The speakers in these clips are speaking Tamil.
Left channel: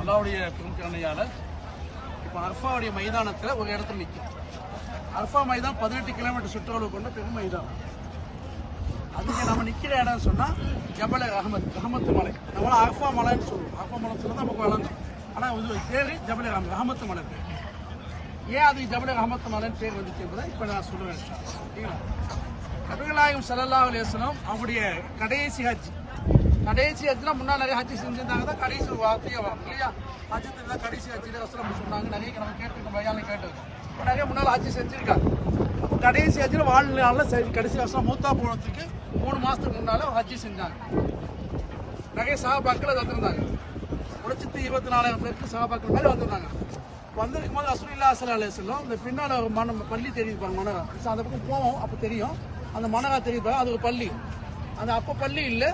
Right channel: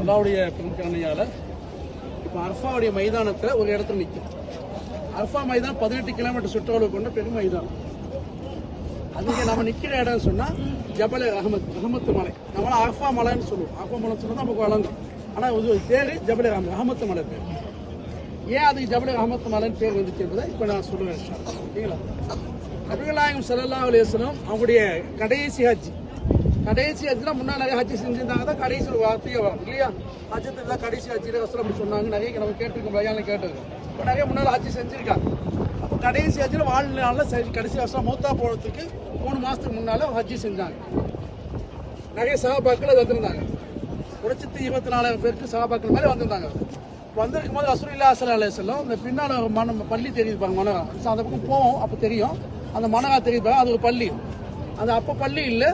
அல்லாவுடைய பெருங்கருணையால இப்ப அரஃபாவுடைய மைதானத்தை ஒரு இடத்துல நிற்கும். அரஃபா மைதானம் 18 கிலோமீட்டர் சுற்றளவு கொண்ட பெரும் மைதானம். அதுக்கு நம்ம நிக்கிற இடம் சொன்னா ஜபல் ரஹமத்து மலை. நம்ம அரஃபா மலைன்னு சொல்லுவோம். அரஃபா மலை சொன்னா நமக்கு வழங்கும். ஆனா இது பேரு ஜபல் ரஹமத்து மலை பேர். ஏன் அது ஜபல் ரஹமத்து மலைன்னு பேர் வந்துச்சு என்பதை இப்ப நான் சொல்லுவேன். சரிங்களா? நபிகள் நாயகம் ஸல்லல்லாஹு அலைஹி வஸல்லம் அவங்களுடைய கடைசி ஹஜ்ஜில் முன்னாள் நிறைய ஹஜ்ஜி செஞ்சிருந்தாங்க தான் கடைசி ஒரு வார்த்தையே வரும் இல்லையா? ஹஜ்ஜத்துல கடைசி ஹஜ்ஜில் ரசூல் அப்படி சொன்னாங்க. நிறைய நம்ம கேட்டிருக்கோம், பயான்ல கேட்டிருக்கோம். நிறைய முன்னாள் ஹஜ்ஜி செஞ்சிருக்காங்க. கடைசி ஹஜ்ஜில் வாழ்நாளில் கடைசி வருஷம் மூத்தா போனதுக்கு 3 மாசத்துக்கு முன்னால ஹஜ்ஜி செஞ்சாங்க. நிறைய சஹாபாக்கள் அது வந்திருந்தாங்க. 124,000 பேருக்கு சஹாபாக்கள் மேலே வந்திருந்தாங்க. வந்திருக்கும் போது ரசூலுல்லாஹி ஸல்லல்லாஹு அலைஹி வஸல்லம் இந்த பின்னால பள்ளி தெரியுது மனகா, அந்த பக்கம் போவோம் அப்போ தெரியும். அந்த மனகா தெரியுது, அது ஒரு பள்ளி. அது அப்போ பள்ளி இல்லை,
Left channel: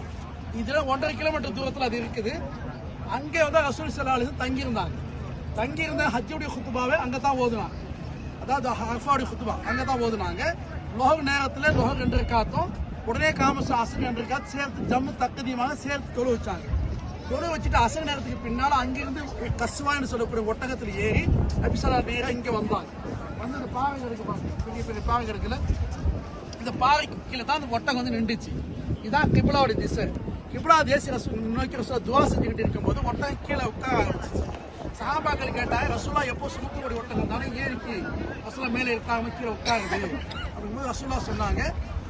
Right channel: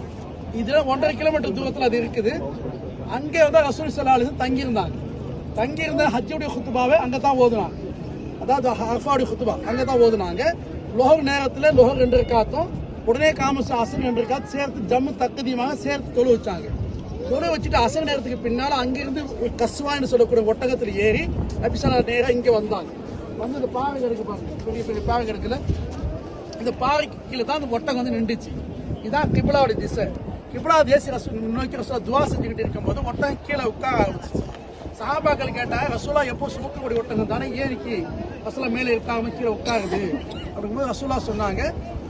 இதுல 1.5 கிலோமீட்டர் தூரத்தில் அது இருக்குது. அங்கே வந்து ரசூல் ஸல்லல்லாஹு அலைஹி வஸல்லம் தங்கியிருந்த ஹஜ்ஜுடைய குத்துபாவை அங்கே தான் ஓதுனாங்க. அதாவது அரஃபாவுடைய குத்துபா அங்கே தான் ஓதுனாங்க. லொஹர் நேரத்தில் லொஹர் 2 ரக்காத்தும் உடனே காமஸ் அசர் 2 ரக்காத் சேர்த்து ஜம்மு தக்கதியமாக சேர்த்து தொழு வச்சாங்க. தொழு வச்சுட்டு அசர் நேரத்துக்கு பின்னால அங்கிருந்து கஸ்வான்னு சொல்லக்கூடிய ஒட்டகத்தில் ஏறி நபி ஸல்லல்லாஹு நேரம் இங்கே வந்தாங்க. வந்து இந்த பாறை கிடக்கு, பெரிய பெரிய பாறை கிடக்குல, இந்த பாறைக்கு கீழே தான் அந்த ஒட்டகம் வந்து நின்றுச்சு. இதான் கிப்லாவுடைய திசை. கிப்லா தேசிய நோக்கி ரசூலா துவா செஞ்சுக்கிட்டு இருக்கும்போது ஒட்டகம் கீழே உட்கார ஆரம்பிச்சு. சஹாபாக்கள் கேட்டாங்க, ரசூலா எப்போ சுமக்கக்கூடிய ஒட்டகம் தானே ஏறிக்கு ரசூலா மேலே இருக்காம கீழே உட்காருது அப்படிங்கும்போது ரசூலா சொன்னாங்க,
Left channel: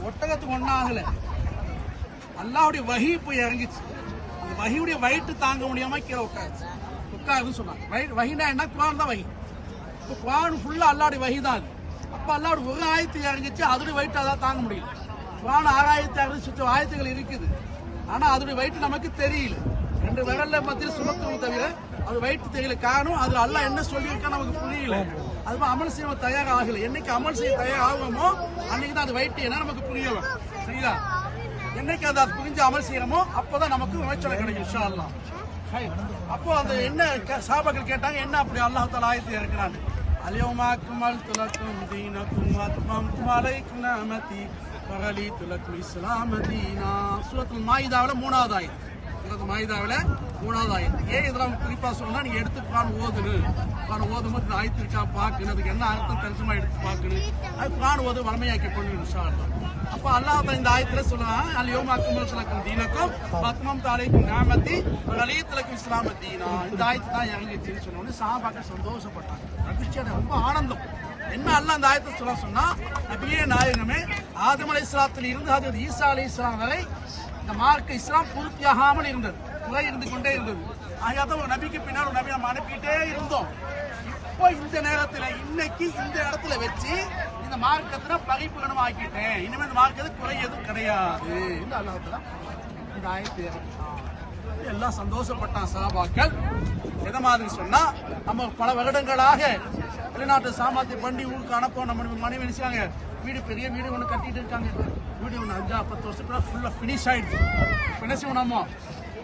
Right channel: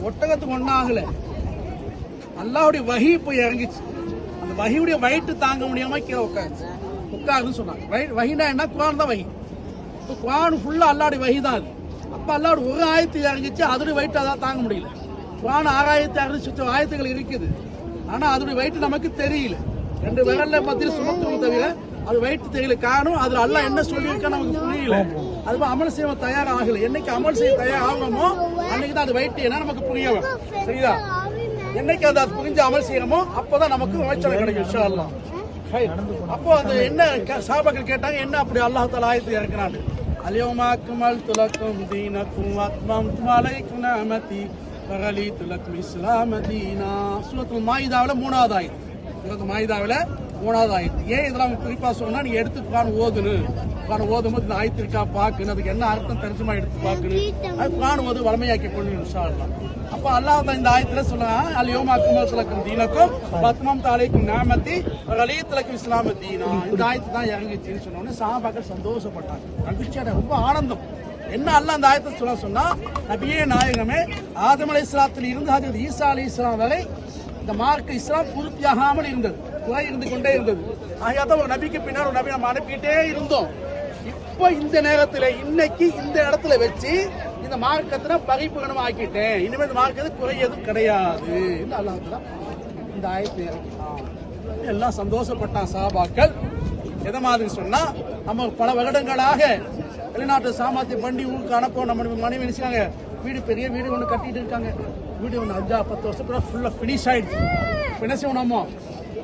ஒட்டகத்துக்கு ஒன்னாகல, அல்லாஹ்வுடைய வஹி போய் இறங்கிச்சு. அந்த வஹியுடைய வயிற்று தாங்க முடியாம கீழே உட்காருன்னு சொன்னாங்க. வஹினா என்ன? குர்ஆன் தான் வஹி. குர்ஆன் ஃபுல்லா அல்லாஹ்வுடைய வஹி தான். அது அப்ப அல்லாஹ்வுடைய ஒரு ஆயத்து இறங்கிச்சு, அதோட வயிற்று அதான் தாங்க முடியல. குர்ஆன் 6,600 ஆயத்துகள் இருக்குது. ஆனா அதோட வயிற்று நமக்கு தெரியல. 2 விரல்ல மத்தியில் சுமக்கும் தவிர அது வயிற்று தெரியல. காரணம் அதுல அல்லாஹ் என்ன சொல்லியிருக்கா நமக்கு புரியல. அது அமல் செய்ய தயாராகல. என்னைக்கு அமல் செய்ய தயாராகுமோ அன்னைக்கு தான் அது வயிற்று என்ன நமக்கு புரிய வரும். சரிதா? என்னைக்கு அது புரிஞ்சு அமல் செய்யறோமோ அப்பதான் நமக்கு விளைச்சல் கிடைக்கும் இன்ஷா அல்லாஹ். அப்போ அந்த என்ன சஹாபாக்கள் கேட்டாங்க, என்ன அப்படி அல்லாஹ் தஆலா ஆயத்து இறக்குறான்னு. அல்யௌம அக்மல்து லக்கும் தீனக்கும் வஅத்மம்து அலைக்கும் நிஅமதி வரலீது லக்கும் இஸ்லாம தீனா. சூரத்துல் மாயிதாவுல 3வது ஆயத்து. சூரத்துல் மாயிதாவுல 3வது ஆயத்து. ஏன் இதெல்லாம் குறிப்பா சொன்னா, நீங்க எடுத்து குர்ஆன் ஓதும்போது இந்த ஆயத்து இருக்கா பாக்கணும், அதுக்கு என்ன அர்த்தம் தர்ஜுமா எடுத்து பாக்கணும். அது குர்ஆன் ஓது வளமையாக்கி கொள்ளணும் இன்ஷா அல்லாஹ். அப்ப அல்லாஹ் தான் இந்த ஆயத்துல சொல்றான், அல்யௌம அக்மல்து லக்கும் தீனக்கும் வஅத்மம்து அலைக்கும் நிஅமதி வரலீது லக்கும் இஸ்லாம தீனா. இந்த ஆயத்து தான் இறங்கிச்சுன்னு சொன்ன உடனே சஹாபாக்கள் சந்தோஷப்பட்டாங்க, மகிழ்ச்சியோட, ரொம்ப ஆனந்தம். என்ன அல்லாஹ் இந்த ஆயத்தை சொன்னா, நபியே நாயகமே ஆதம் அலைஹிஸ்ஸலாத்தில் இருந்து ஹஜ்ரத் ஈசா அலைஹிஸ்ஸலாம் வரை இந்த மார்க்க இஸ்லாம் பூர்த்தியாகாமல் இருந்தது, குறை இருந்து கொண்டே இருந்தது. ஆகையாதான் ஒரு நபிக்கு பின்னால் ஒரு நபி நம்ம அனுப்பிட்டே இருந்தோம். இப்போ இந்த நேரத்தில் இன்னைக்கு இந்த இடத்துல வச்சு இந்த மார்க்கத்தை பரிபூரணம் ஆக்கிட்டேன், இனிமேல் இந்த மார்க்கத்துக்கு குறை எதுவும் கிடையாது என்று அல்லாஹ் இந்த ஆயத்தை இறக்கிட்டான். எல்லாம் சந்தோஷப்பட்டான் சஹாபாக்கள். எதை மாதிரி சொன்னா, நம்ம பல வருடங்களாக வெளிநாட்டு சாமர்த்திய பண்டி ஊருக்கு அனுப்போம். நம்ம மனைவி நினைச்சாங்க, பெரிய வீடு ஒன்று கட்டிட்டு இருக்காங்க. வீடு ஒன்று 5-10 வருஷத்துல ஃபுல்லா பினிஷ் ஆயிடுச்சு. என்ன செய்வோம், நம்ம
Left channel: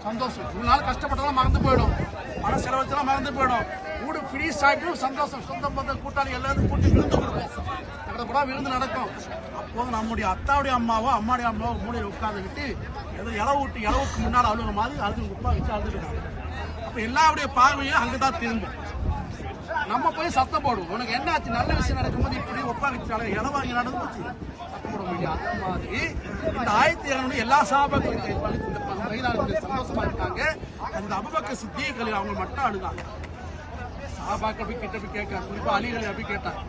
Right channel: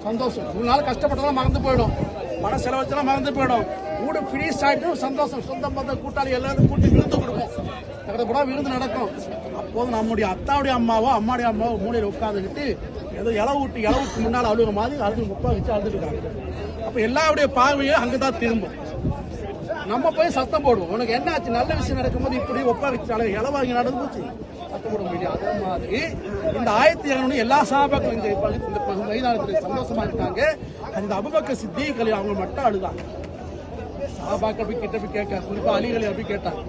சந்தோஷம். 3 நாள் கஷ்டப்பட்டதெல்லாம் மறந்து போயிடும், பண செலவச்செல்லாம் மறந்து போயிடும். வீடு பினிஷ் ஆயிட்டு சந்தோஷம். சொந்தம் பந்த கூட்டாளி எல்லாரும் கூட்டி விருந்து கொடுப்போம். கூட விருந்து நடக்கும். அப்போது நம்முடைய அத்தாவுடைய அம்மாவுடைய அம்மாவோ மூலையில் உட்காந்துக்கிட்டு ஏதோ இளவுக்கு முன்னால் அழுகிற மாதிரி அழுது முப்பா வச்சு அழுதுட்டு இருக்காங்க. அப்ப எல்லாருடைய பார்வையும் அங்கதான் திரும்பும். நம்ம போய் சத்தம் போடுவோம், உனக்கு என்ன ஆச்சு, நல்ல விஷயம் நடக்கும்போது இப்படி ஒப்பாரிச்சாலும் இளவாங்க நடந்து போச்சு, சத்தம் போட முடியாது. அதே மாதிரி இந்த ஆயத்து இறங்கணும். எல்லா சஹாபாக்களும் இந்த மைதானத்தில் சந்தோஷமா இருக்காங்க. அந்த அபூபக்கர் சித்தீக் அவங்க மட்டும் அழுதாங்க. சஹாபாக்கள் போய் கிட்ட போய் கேட்க, குறிப்பா அலிகளை அப்படி கேட்டாங்க,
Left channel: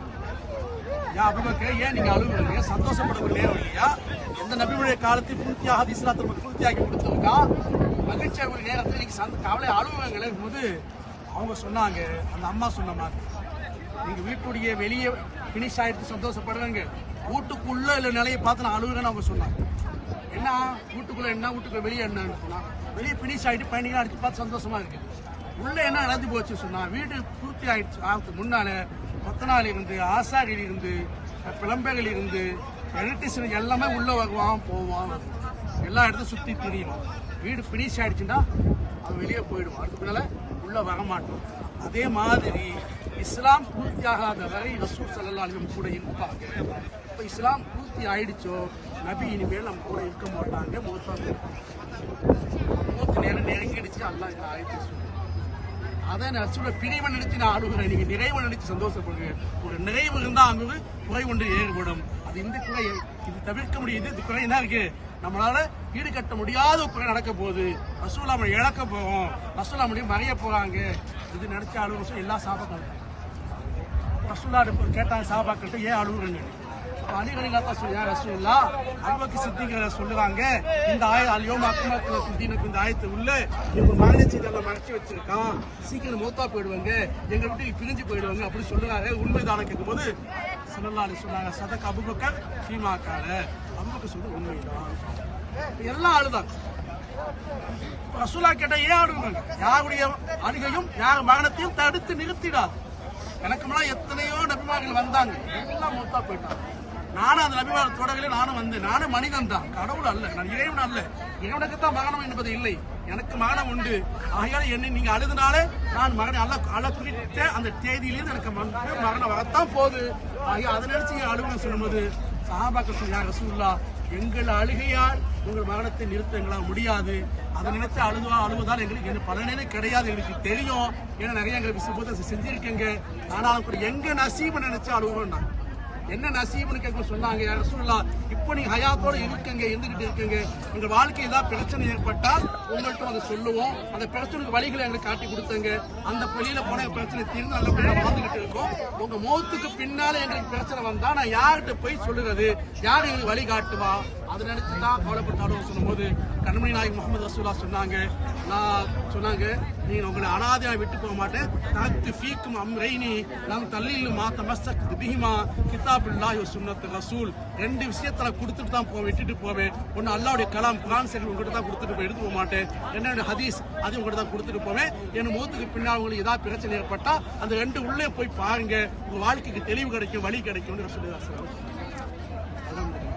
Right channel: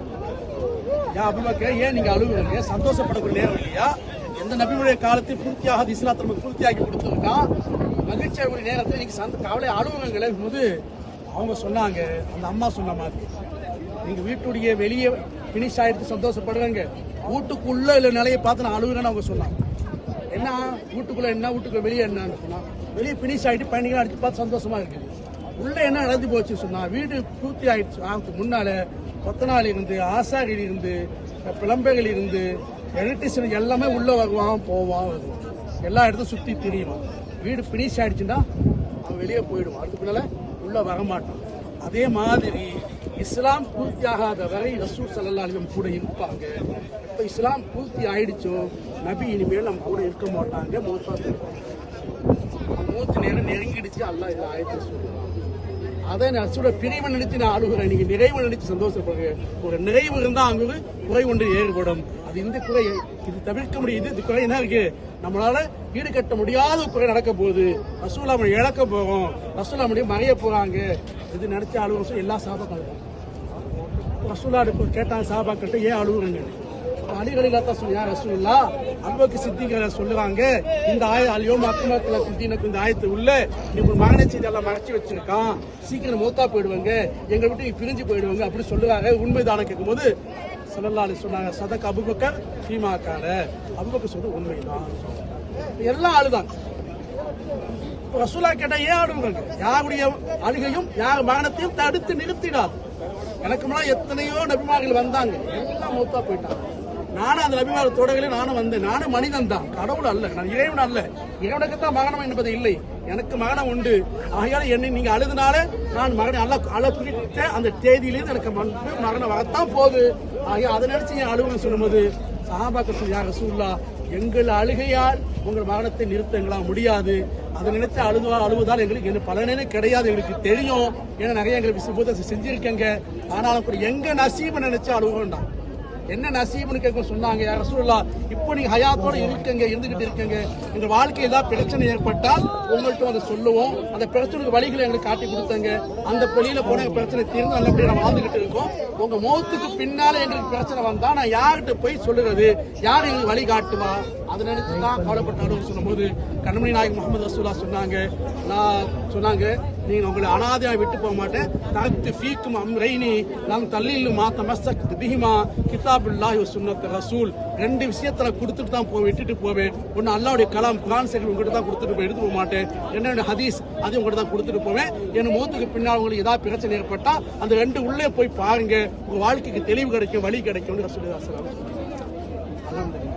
ஏன் அபூபக்கர் ஏன் நீங்க அழுகுறீங்க, சந்தோஷப்படக்கூடிய நேரம் இல்லையா? எந்த நபியுடைய காலத்தை பூர்த்தியாக இஸ்லாத்தை நமக்கு பூர்த்தியாக்கி கொடுத்துருக்கான், மகிழ்ச்சியாகக்கூடிய நேரத்தில் நீங்க கவலை அழுகுறீங்களே போது அவங்க சொன்னாங்க, அந்த அம்மா சொன்ன மாதிரி, நீங்க வீட்டுடைய வெளியே பினிஷ் ஆயிட்டு சந்தோஷப்படுறாங்க, வீட்டுக்குள்ள இல்ல நிலையை பார்த்து நான் அழுகுறேன்னு அவங்க சொன்னாங்க. என்ன வீட்டுக்குள்ள என்ன, வீட்டுக்குள்ள வெளியே என்னன்னு சொன்னா, வெளியே பினிஷ் ஆயிட்டு பையன்கள் அடிச்சு பார்த்து சந்தோஷமா இருக்குது. உள்ள என்ன நடந்து போச்சு சொன்னா, வீடு பூர்த்தி ஆயிடுச்சு ஆகிறதுக்கு முன்னால கொத்தனாளி இருந்து, ஆசாரி இருந்து, பிளம்பைகள் இருந்து, எலக்ட்ரிஷியன் எல்லாமே உள்ள வருவான் போவான் வருவான், எல்லா இடத்தையும் சுத்தி பிரிவான். வீடு பினிஷ் ஆயிடுச்சுன்னா அவன் வெளியே போயிடுவான், அதுக்கு பின்னால உள்ள வரமாட்டான். அதே மாதிரி இஸ்லாம் பூர்த்தி ஆகாத வரை ரசூல் ஸல்லல்லாஹு அலைஹி வஸல்லம் கூட இருப்பாங்க. இப்ப இஸ்லாம் பூர்த்தி ஆயிடுச்சோ நபி இனிமேல் நம்ம கூட இருக்க மாட்டாங்க, மூத்தா போயிருப்பாங்க. மூத்து நேரம் நெருங்கிடுச்சு. அல்லாஹ் இதுல ஆயத்தை சொல்றான். அதை ரசூலை பிரிவை நினைச்சு நான் அழுகுறேன், நீங்க நிறைவு நினைச்சு சந்தோஷப்படுங்க. ஒரு நிறைவு இருந்தா அங்கு ஒரு குறை ஒன்று ஏற்படும். அது இந்த குறை இது தவிர்க்க முடியுது. இது குறை என்ன இருக்கு, நம்மளால ஈடுகட்ட முடியாத ஒரு குறை நடக்க போகுது. ரசூலா நம்ம இழக்க போறோம், ரசூலா முடியும் மறைய போறாங்க. இது நினைச்சு அழுகுற எல்லா சாபாக்கள் ரசூலா கேட்டாங்க சாபாக்கிட்ட, ஏன் அழுகுறங்க? அலிகளிலாத்தா சொல்லியா ரசூலுல்லா அன்புக்கு சித்திக சொல்லுறாங்க, இந்த அலியோம் அக்குமத்துல சித்தினக்கு இந்த ஆயத்து உள்ள ஒரு மகனை செய்தி எல்லாம் மறைச்சு வச்சிருக்கான், சீக்கிரம் மூத்தா போயிடுவாங்க, எங்க விட்டு பிரிஞ்சு போயிடுவாங்க அப்படி சொல்லுறாங்க. உண்மைதான கேட்கும் போது ஸல்லல்லாஹு அலைஹி சொன்னாங்க, சதக் அபூபக்கர் சீமாக்கார, அபூபக்கர் சொல்றது உண்மைதான். எல்லாம் ஆளுதான். ரசூலா கேட்டா ஏன் ஆடுவாங்க? யாருடைய அழுகையும் யார் மரணத்தையும் தடுத்து நிறுத்திடாது. எனக்கு முன்னாடி எத்தனையோ நபிமார்கள் வந்தாங்க, எல்லாம் மூத்தா போயிட்டாங்க. நானும் அந்த நபிமார்கள் தொடர்களே நானும் வந்தேன். நானும் மனிதன் தான், கடவுள் அல்ல, நான் இறைவன் அல்ல. இறைவனுக்குத்தான் மரணம் என்பது இல்லை, எனக்கு மரணம் உண்டு. ஆகையால என்னை நீங்க அழுதுனாலே நான் மரணம் அல்ல குறித்த அந்த தேதியிலிருந்து எனக்கு மரணம் வரத்தான் போகுது. ஆகிய அதை நினைச்சு அழுகுன்னு சொல்லும்போது சஹாபாக்கள் சொன்னாங்க, யா ரசூலுல்லாஹ் எங்கள் அழுகையால் உங்கள் மரணத்தை நிறுத்தங்களா முடியாது. அதை நினைத்து அழுவதால் எங்களுக்கு என்ன பலனே கிடையாது, எங்களுக்கு தெரியும். ஏன்னா நிறைய எங்களுக்கு சுபத்தை செஞ்சிருக்கேங்க. ஆனாலும் கூட எங்க நசீபு நினைச்சு அழுவோம். என்ன நசீபுன்னு கேட்க சொன்னாங்க, யா ரசூலுல்லாஹ் இப்போ நீங்க ஹயாத்தோட இருந்துகிட்டு இருக்கீங்க, எங்க வாழ்க்கையில் ஏதாவது பிரச்சனை ஏற்பட்டால் உங்கள்கிட்ட அதை சொல்லுவோம், அந்த பிரச்சனைக்கு வழிகளை எங்களுக்கு காட்டி கொடுத்தாங்க, அந்த வெளியில போன பிரச்சனை தீர்ந்து நல்லபடியா நம்ம வாழ்ந்துகிட்டு இருக்கோம். உங்க முகத்துக்கு பின்னால எங்களுக்கு பிரச்சனை வந்தா நான் யார்கிட்ட போய் சொல்லுறது, யார் எங்களுக்கு வழி காட்டுவா? அதை நினைச்சுதான் கவலைப்பட்டாலும் சொல்லும் போது கண்மணி நாயகம் முகமது ரசூலுல்லாஹ் சொன்னாங்க, நீங்க உங்களை அனாதையா விட்டு போக மாட்டேன். தரத்து ஃபீக்கும் அம்ரைனி நாங்க தள்ளியில் மாத்த மஸ்தக் பிஹிமா கிதாபுல்லாஹி வ சுன்னத் ரசூல். ரெண்டு விஷயத்துல கொடுத்துட்டு தான் விட்டுட்டு போவேன். ஒன்னு அல்லாஹ்வுடைய கலாம் குர்ஆன் ஷரீஃப் உங்ககிட்ட தான் கொடுத்துட்டு போய் எடுத்து போக மாட்டேன். என்னோட ஹதீஸ் அது உங்ககிட்ட தான் கொடுத்துட்டு போவேன். என் முகத்துக்கு பின்னால் உங்களுக்கு ஏதாவது பிரச்சனை ஏற்பட்டா அந்த ரெண்டு உள்ளே போய் பாருங்க, உங்க வாழ்க்கைக்கு தெளிவு கிடைக்கும், வழி கிடைக்கும். ரசூலுல்லாஹி ஸல்லல்லாஹு அலைஹி வஸல்லம்.